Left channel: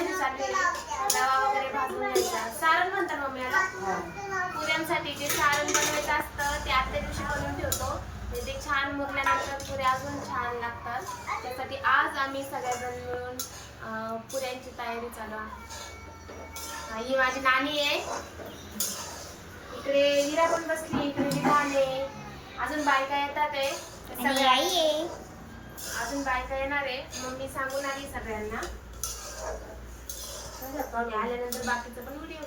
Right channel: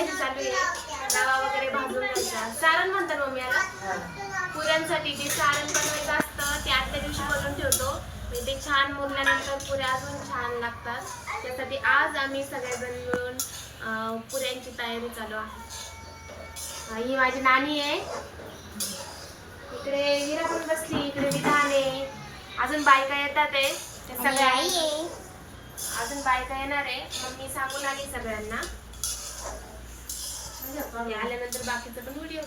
पूर्वतयारी चालू आहे. रवा वगैरे भाजून घ्यायचा. सारण म्हणतात मम्मी याला. पुऱ्यांसाठी जे सारण बनवायचं असतं ते आदल्या दिवशी बनवून ठेवतो. म्हणजे ते छान मुरल्यानंतर पुऱ्या अजून छान लागतात. त्यासाठी आज आम्ही सगळेजण मिळून पुऱ्यांची तयारी चालू आहे. ही माझी नानी आहे. इकडे हिरा पण बसली इकडे विधान आहे. अजून बायका येतात आहे. सगळ्या अजून बायका येणार आहे. मग मी सांगून आली सगळ्यांना. आल्यानंतर बाकीचं पण व्हिडिओ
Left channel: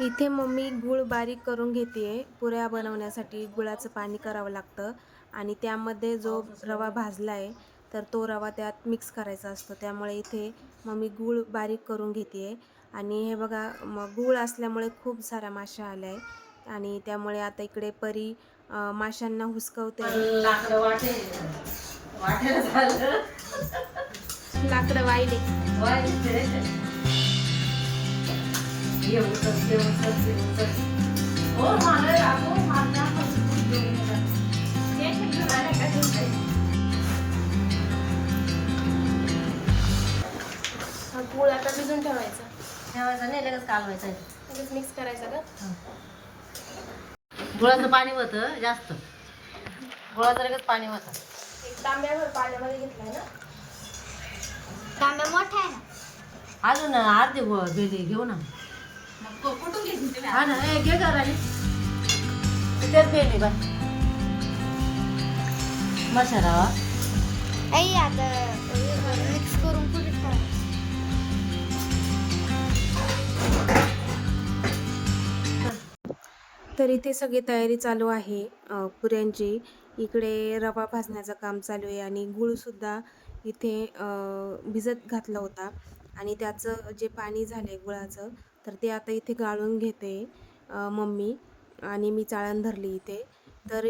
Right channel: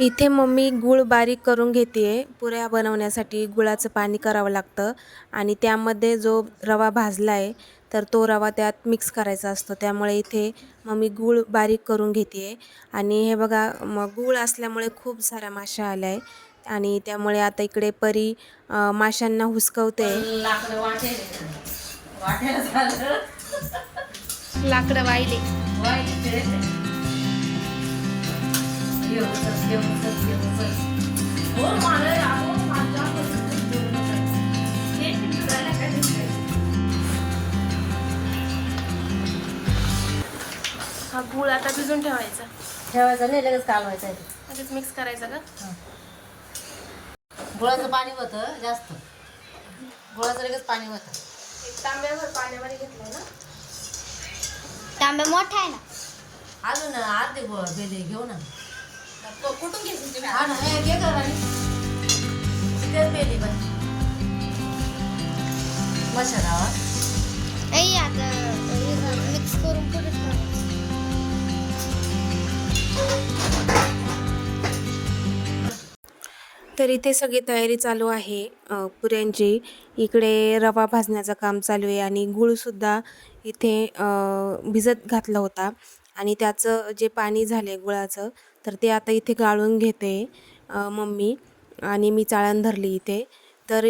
इथे मम्मी गूळ बारीक करून घेते. पुऱ्या बनवण्यासाठी गुळाचं पाणी करावं लागतं. आणि त्यामध्ये जो रवा भाजला आहे तर तो रवा त्यात मिक्स करायचा असतो. त्यामुळे इथे मम्मी गूळ बारीक करून घेते. आणि हे बघा मग गूळ असल्यामुळे खूप साऱ्या माश्या आल्या आहे आणि त्यामुळे आता इकडे परी माशांना हुसकवते. लाकडं वाटेल वाटेल झालं लाकडं वाहिले. ये उचल, ये उचल, ये उचल. हो, मला आपण गूळ आता भिजून ठेवायचा. ठेवायचं नाही लगेच कालवायचं आहे ते. लगेच मिक्स करायचा का? गुळाचं पाणी होतं जास्त. गुळाचं लगेच पाणी होतं एक तांब्यावर पाण्यामध्ये घेतलं ना? तांबे मोठा आहे ना? अजून अर्धे गो बेले घेऊ ना. हा ना ए, घे का राणी तिथेच गेली बाय मसाला. आई आता मिक्स करून पुढे ठेवायचं? तर इथे सगळी तयारी चालू आहे अ, पुऱ्यांची. इकडे रवा भाजण्याचं काम चालू आहे आणि गूळसुद्धा इथे अ, भिजत घातला होता. आणि त्याचं जे पाणी झालं आहे गुळाचं तर ते आता इथे गाळून घेते मम्मी. आणि मी चाळण धरली इथे. तर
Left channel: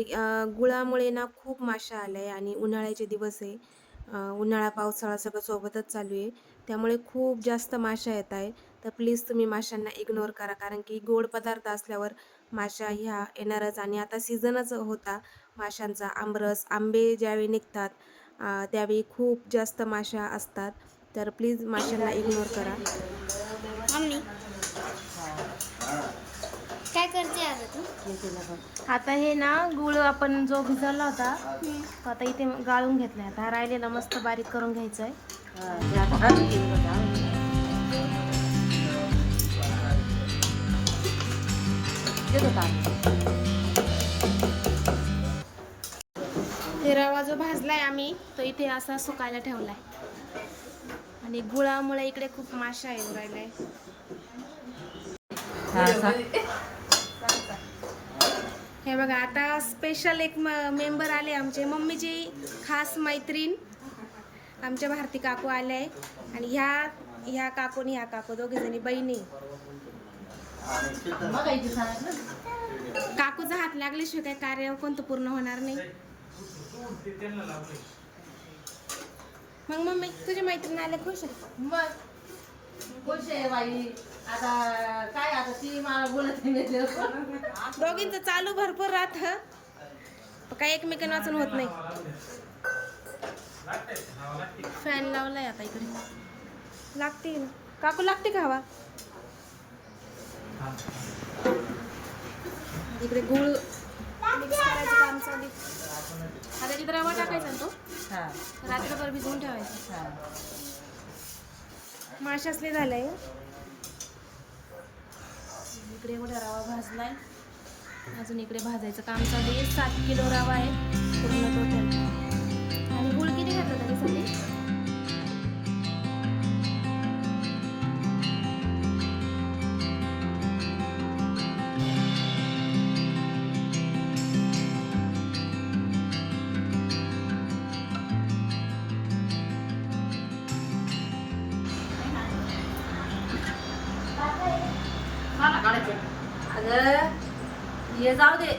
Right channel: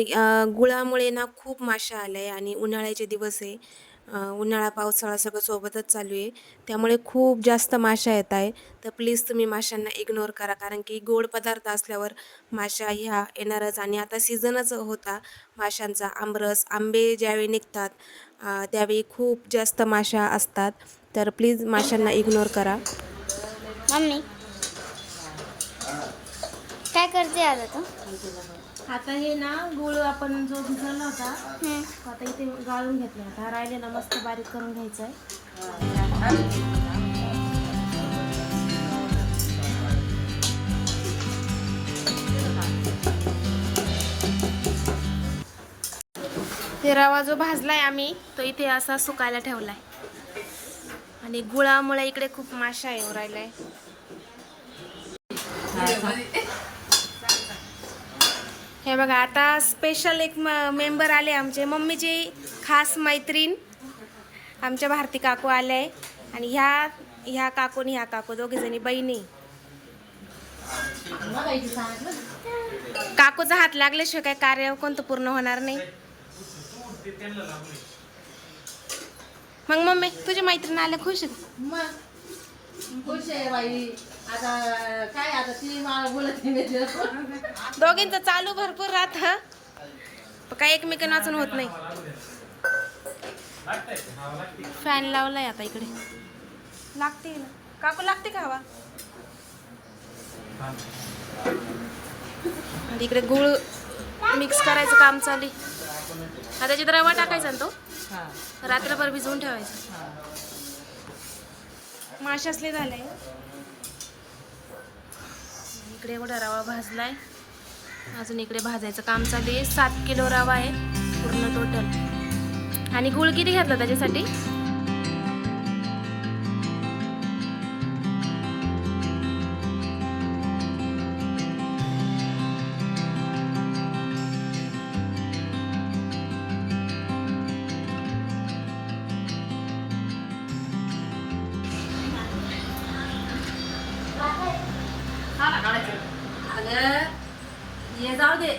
गुळामुळे ना खूप माशा आल्या आहे आणि उन्हाळ्याचे दिवस आहे. उन्हाळा पावसाळा सगळं सोबतच चालू आहे. त्यामुळे खूप जास्त माशा येत आहे. तर प्लीज तुम्ही माशांना इग्नोर करा. कारण की गोड पदार्थ असल्यावर माशा ह्या येणारच. आणि आता सीझनच होता माशांचा. आमरस आंबे ज्यावेळी निघतात त्यावेळी खूप जास्त माशा असतात. तर प्लीज माशांना इग्नोर करा. मम्मी काय करते आता तू? आता हे ना गुळ आपण जो भिजवला होता हम्म. तो आता इथे गाळून घेतलाय. आता हा राहिलेला मस्त बारीक करून घ्यायचा आहे रवा जो भाजलाय आम्ही तो इथे असा सुकायला ठेवलाय. आणि गुळामुळे इकडे खूप माशा येऊ राहिलाय. हे बघा आता स्पेशल एक मेंबर आले आमचे. मम्मीची खास मैत्रीण आमच्या भारती काकू आले आहे. आणि ह्या ह्या काकू आणि ह्या काकू दोघीजणी बहिणी. काकूचा हात लागल्याशिवाय काय कार्य कोणतं पूर्ण होणार नाही. मग मम्मी तुझी मैत्रीण आले खुश आहे का? मग खुश आहे बाई आता काय आता ती मला बोलत नाही दोघींचं चालू भरपूर राहत काय एकमेकांना वाचून होत नाही. फॅन लावलाय आता इकडे. लागते ना. काकू लागते का हवा? इकडे गुळ मिक्स करायचं काम चालू. आता त्याच्यात रवा टाकायचा ना तो हा. रात्रभर भिजवून ठेवायचं. हा. माशासले झालंय इकडे एवढा रवा भाजलाय. अजून इकडे भाजायचं काम चालू आहे. सात किलो रवा आहे पूर्ण टोटल आणि गुळ किती घातला त्याच्यासाठी? अगं हे जाऊ दे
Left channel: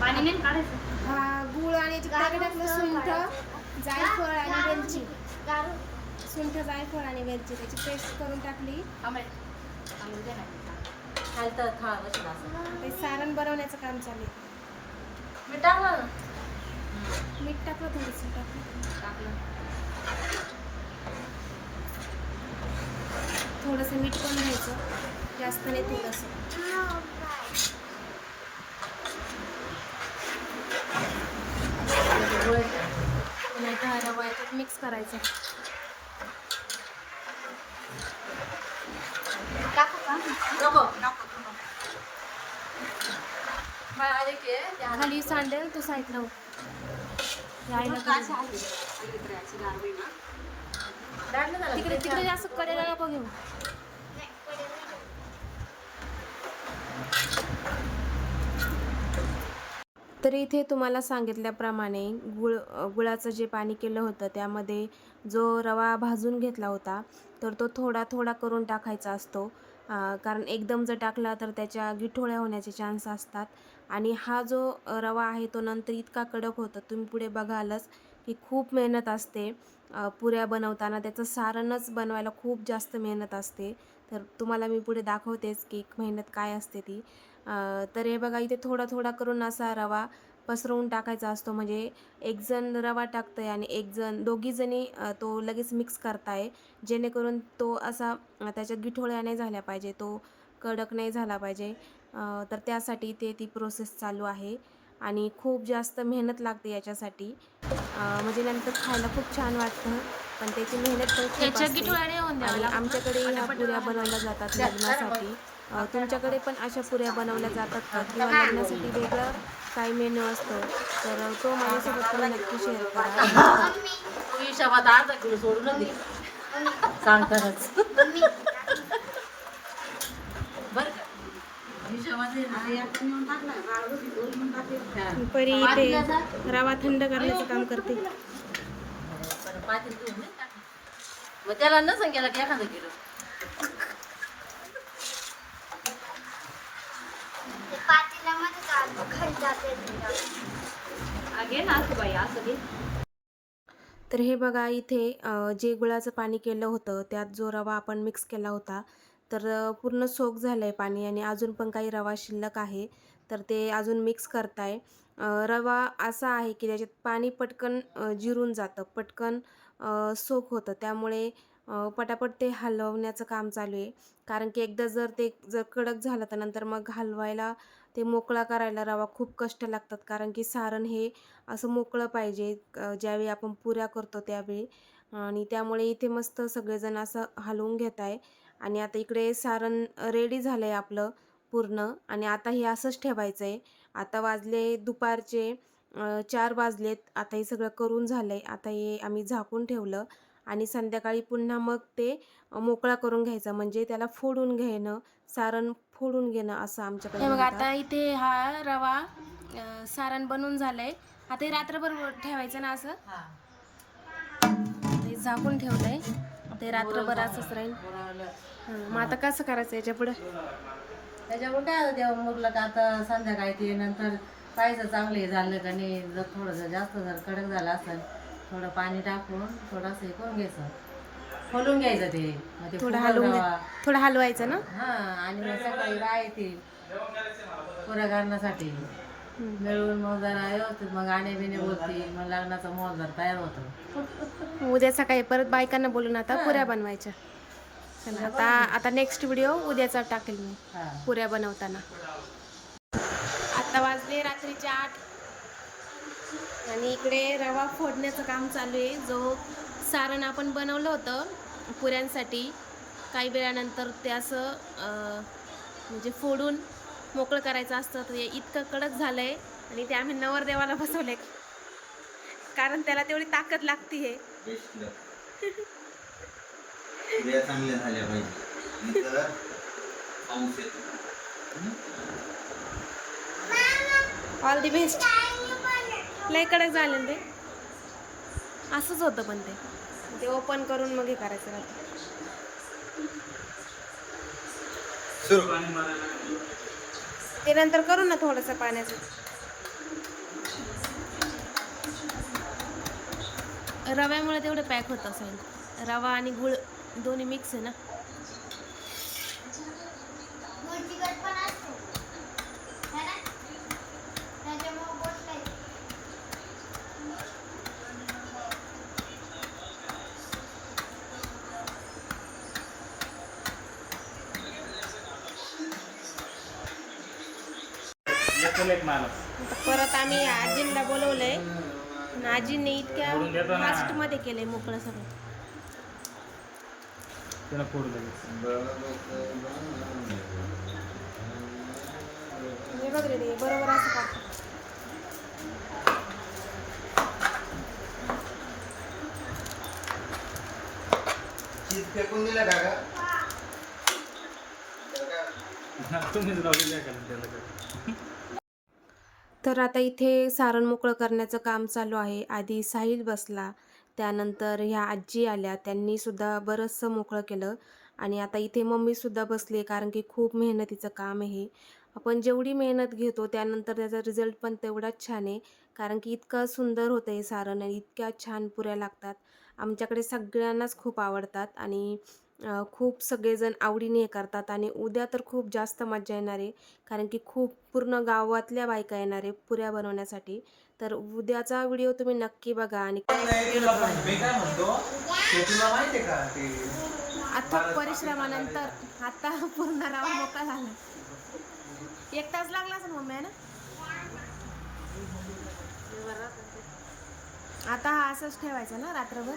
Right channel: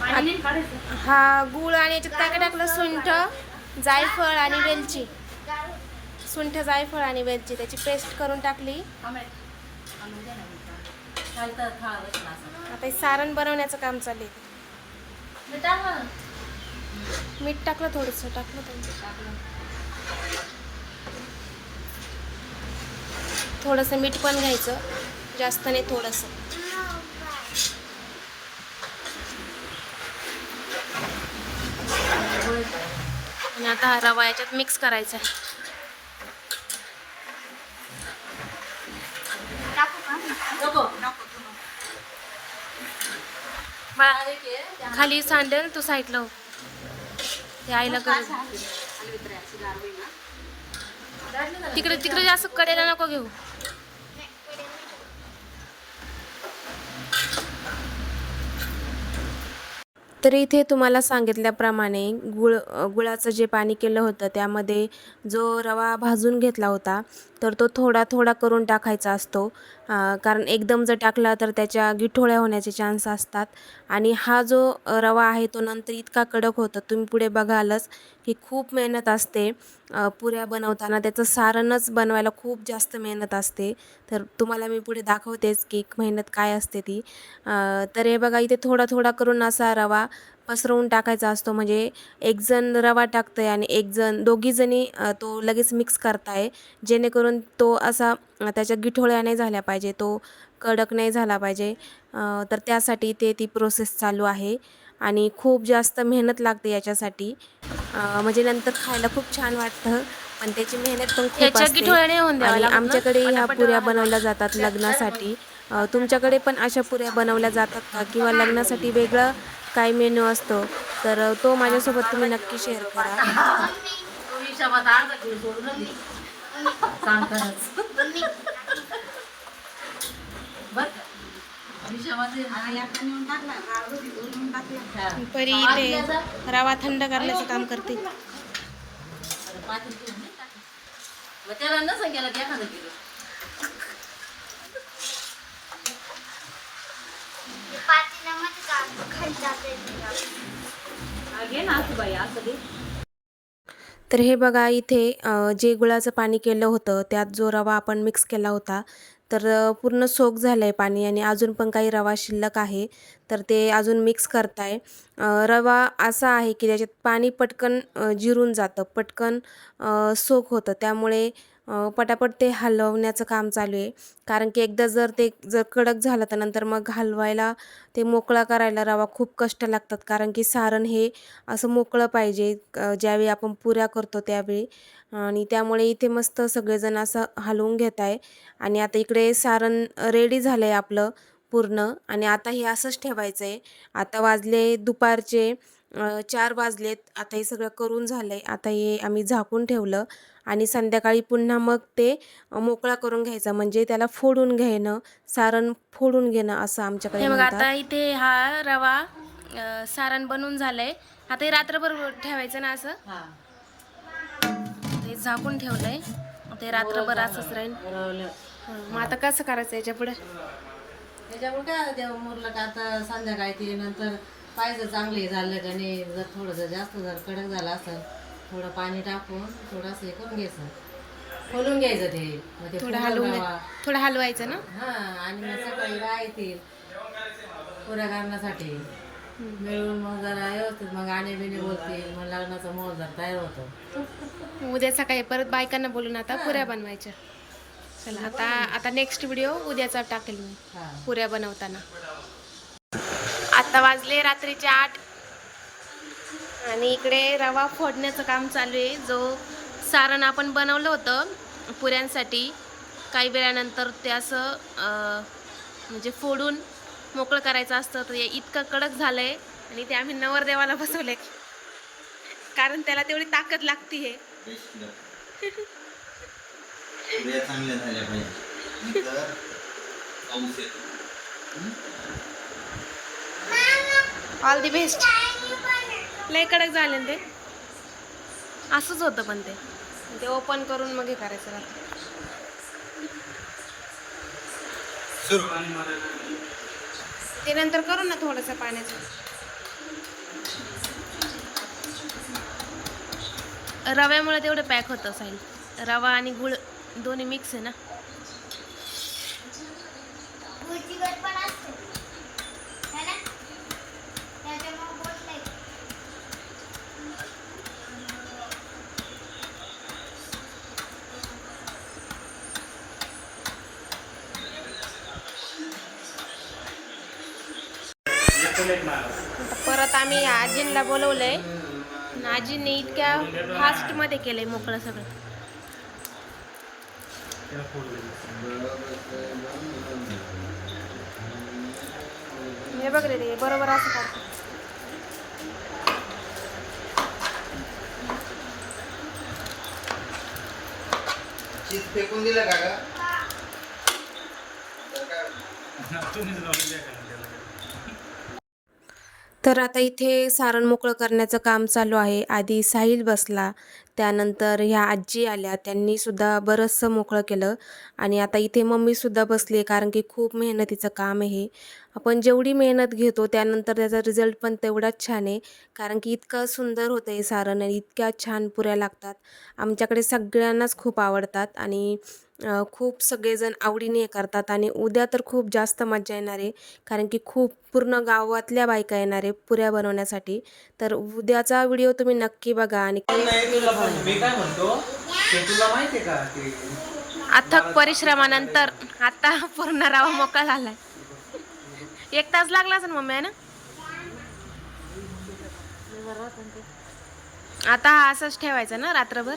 पाणी नाही काढायचं हा गुळ आणि याच्यात काय काय टाकलं सुंठ जायफळ आणि वेलची सुंठ जायफळ आणि वेलची त्याची पेस्ट करून टाकली. आता सारण बनवण्याचं काम चालू आहे. मीठ टाकलं थोडंसं टाकलं. टाकलं. थोडंसं मीठ पण घ्यायचं. जास्त नाही थोडंसं. आणि आता हा रवा याच्यात मिक्स करायचा आहे. खाली सांडेल तू साईडला हो. ते आईला करू तिकडे तिकडे जास्त कडेला नको घेऊ. तर इथे तुम्हाला सांगितल्याप्रमाणे गुळ गुळाचं जे पाणी केलं होतं त्यामध्ये जो रवा भाजून घेतला होता तर तो थोडा थोडा करून टाकायचा असतो. कारण एकदम जर टाकला तर त्याच्या गिठोळ्या होण्याचे चान्स असतात. आणि हा जो रवा आहे तो नंतर इतका कडक होतो तुम्ही पुढे बघालच की खूप मेहनत असते. पुऱ्या बनवताना त्याचं सारणच बनवायला खूप जास्त मेहनत असते. तर तुम्हाला मी पुढे दाखवतेच की मेहनत काय असते ती. तर हे बघा इथे थोडा थोडा करून असा रवा पसरवून टाकायचा असतो. म्हणजे एक जण रवा टाकतंय आणि एक जण दोघीजणी तो लगेच मिक्स करताय. जेणेकरून तो असा त्याच्या गिठोळ्या नाही झाल्या पाहिजे तो कडक नाही झाला पाहिजे. तर त्यासाठी ते ती प्रोसेस चालू आहे. आणि खूप जास्त मेहनत लागते याच्यासाठी. म्हणजे नंतर खायला खूप छान वाटतं पण त्याची मेहनत पण खूप त्याच्या असते. आणि? आमच्याकडे ह्या पुऱ्या बनवल्या जातात लग्नासाठी. तुमच्याकडे पण अशा पुऱ्या बनवल्या जातात का? किंवा लग्नासाठी वेगळं काय मेनू असतो तर तो माझ्यासोबत तुम्ही नक्की शेअर करा. परी इथे रवा थंड करण्याचं काम करते. त्याला न गेला की एखादं घे ना असं बाई असं दे तर हे बघा इथे जे गुळाचं पाणी केलं होतं त्यात जो रवा आपण मिक्स केला होता तर पूर्ण सोक झालं आहे पाणी आणि अजून पण काही रवा शिल्लक आहे. तर ते अजून मिक्स करताय. रवा असा आहे की त्याच्यात पाणी पटकन जिरून जातं पटकन सोक होतं. त्यामुळे पटापट ते हलवण्याचं काम चालू आहे. कारण की एकदा जर ते जर कडक झालं तर नंतर मग हलवायला ते मोकळा करायला रवा खूप कष्ट लागतात. कारण की सारण हे असं मोकळं पाहिजे ज्यावेळी आपण पुऱ्या करतो त्यावेळी. आणि त्यामुळे इथे मस्त सगळेजण असं हलवून घेत आहे. आणि आता इकडे सारण रेडी झालं आहे आपलं पूर्ण. आणि आता हे असंच ठेवायचं आहे आता वाजले दुपारचे चार वाजलेत. आता हे सगळं करून झालं आहे आता हे आम्ही झाकून ठेवलं. आणि संध्याकाळी पुन्हा मग ते मोकळा करून घ्यायचा. म्हणजे त्याला फोडून घेणं सारण फोडून घेणं असं आमच्याकडे हे बघा. आता इथे हा रवा सारण बनून झालंय. आता हे रात्रभर ठेवायचं ना असं? हा. ते झाकून ठेवलंय. ते रात्रभर असंच राहील. मग आता कसं करायचं याच्यापुढे? त्याच्यामुळे काय होतं तेव्हा मुरलं का आता संध्याकाळी ते नंतर पाहिजे चांगले झाले आणि जर थोडं जर जास्त जर कडक झालं असेल थोडं पाणी टाकून थोडंसं हे करून घ्यायचं. खोलून घ्यायचं ते. मग ते थोडं हलवून थोडं हलवायचं ना? हा आणि मग सकाळी बाय येतील पुऱ्या करण्यासाठी मिळून मग जरा व्यवस्थित मग गाणे बिणे बोलतील. मग लग्नाचा मोल जर तयार होतो. उद्या सकाळी परत बायकांना बोलून आता पुऱ्या बनवायच्या. चला आता आता नेक्स्ट व्हिडिओ उद्याचा टाकेल मी. हा. पुऱ्या बनवताना. आता वाजले रात्रीचे आठ. आणि इकडे रवा फोडण्याचं काम चालू आहे. जो सारण आपण बनवलं होतं पुऱ्यांसाठी काही वेळानंतर ते असं म्हणजे फोडून मोकळं करायचं असतं तर हे इतकं कडक झालं आहे आणि ते आम्ही नवरदेवाला बसवले कारण त्याला तेवढी ताकद लागती आहे चांगल्या झाल्या पाहिजे. येतो. ऑल दी बेस्ट लय कडक झाले ना ते. असंच होतं पण ते. ते ओपन करून मग हे करायचं राहतं. ते नंतर करू ना थोडंसं पाण्याचं. रव्यामुळे तेवढं पॅक होतं साईल रवा आणि गुळ दोन्ही मिक्स आहे ना. परत आम्ही आजींना बोलवलंय. आणि आजींनी इतक्या फास्टमध्ये केलंय मोकळं सगळं. हे बघ रे ते बरोबर असं काढतो फेकून दिलं का ग? तर आता इथे सारण मोकळं करण्याचं काम चालू आहे. आधी साहिल बसला त्यानंतर ह्या आजी आल्या त्यांनीसुद्धा बरंचसं मोकळं केलं आणि आता इथे मम्मीसुद्धा बसली आहे कारण की खूप मेहनतीचं काम आहे आपण जेवढी मेहनत घेतो त्यानंतर त्याचा रिझल्ट पण तेवढाच छान आहे कारण की इतकं सुंदर होतं हे सारण आणि इतक्या छान पुऱ्या लागतात. आमच्याकडे सगळ्यांनाच खूप आवडतात आणि खूप सगळेजण आवडीने हे करतात आणि उद्या तर खूप जास्त मजा येणार आहे. कारण की खूप पूर्ण गावातल्या बायका येणार आहे पुऱ्या बनवण्यासाठी. तर उद्याचा व्हिडिओ तुम्ही नक्की बघा आणि अथक परिश्रमानंतर. आता पूर्ण रावा मोकळा झालाय. एक तास लागला असेल मम्मी आहे ना? आता हा असंच ठेवायचं ना रात्रभर?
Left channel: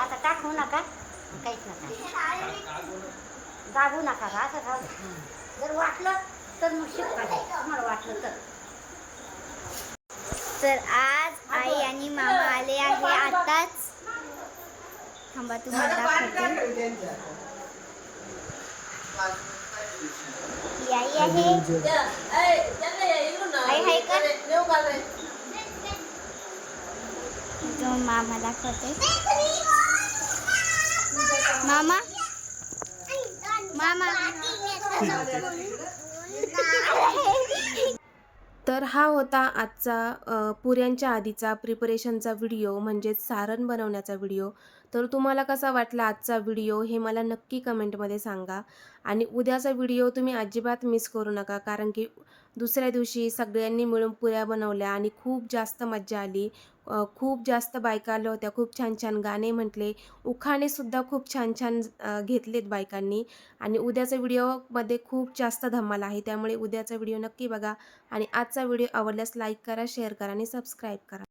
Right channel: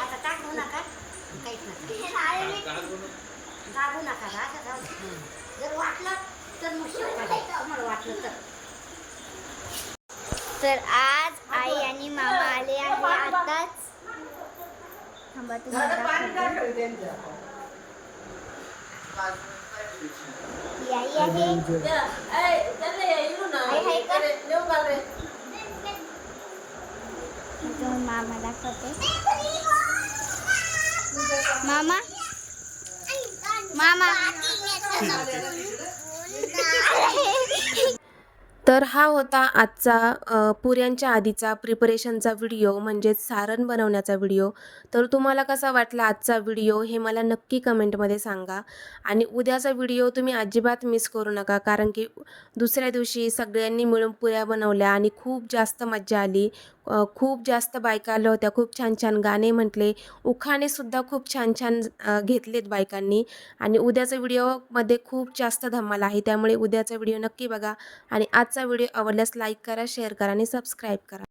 आता टाकू नका काहीच नका दाबू. जर वाटलं तर मग आम्हाला वाटलं तर तर आज आई आणि मामा आले आहे आताच थांबा तुम्हाला मामा दाखवते. मामा? मामा? तर हा होता आजचा पुऱ्यांच्या आधीचा प्रिपरेशनचा व्हिडिओ म्हणजेच सारण बनवण्याचा व्हिडिओ. तर तुम्हाला कसा वाटला आजचा व्हिडिओ हे मला नक्की कमेंटमध्ये सांगा. आणि उद्याचा व्हिडिओ तुम्ही अजिबात मिस करू नका कारण की दुसऱ्या दिवशी सगळ्यांनी मिळून पुऱ्या बनवल्या आणि खूप जास्त मज्जा आली. खूप जास्त बायका आल्या होत्या खूप छान छान गाणे म्हटले. उखाणेसुद्धा खूप छान छान घेतलेत बायकांनी. आणि उद्याचा व्हिडिओमध्ये खूप जास्त धमाल आहे. त्यामुळे उद्याचा व्हिडिओ नक्की बघा. आणि आजचा व्हिडिओ आवडल्यास लाईक करा शेअर करा आणि सबस्क्राईब करा.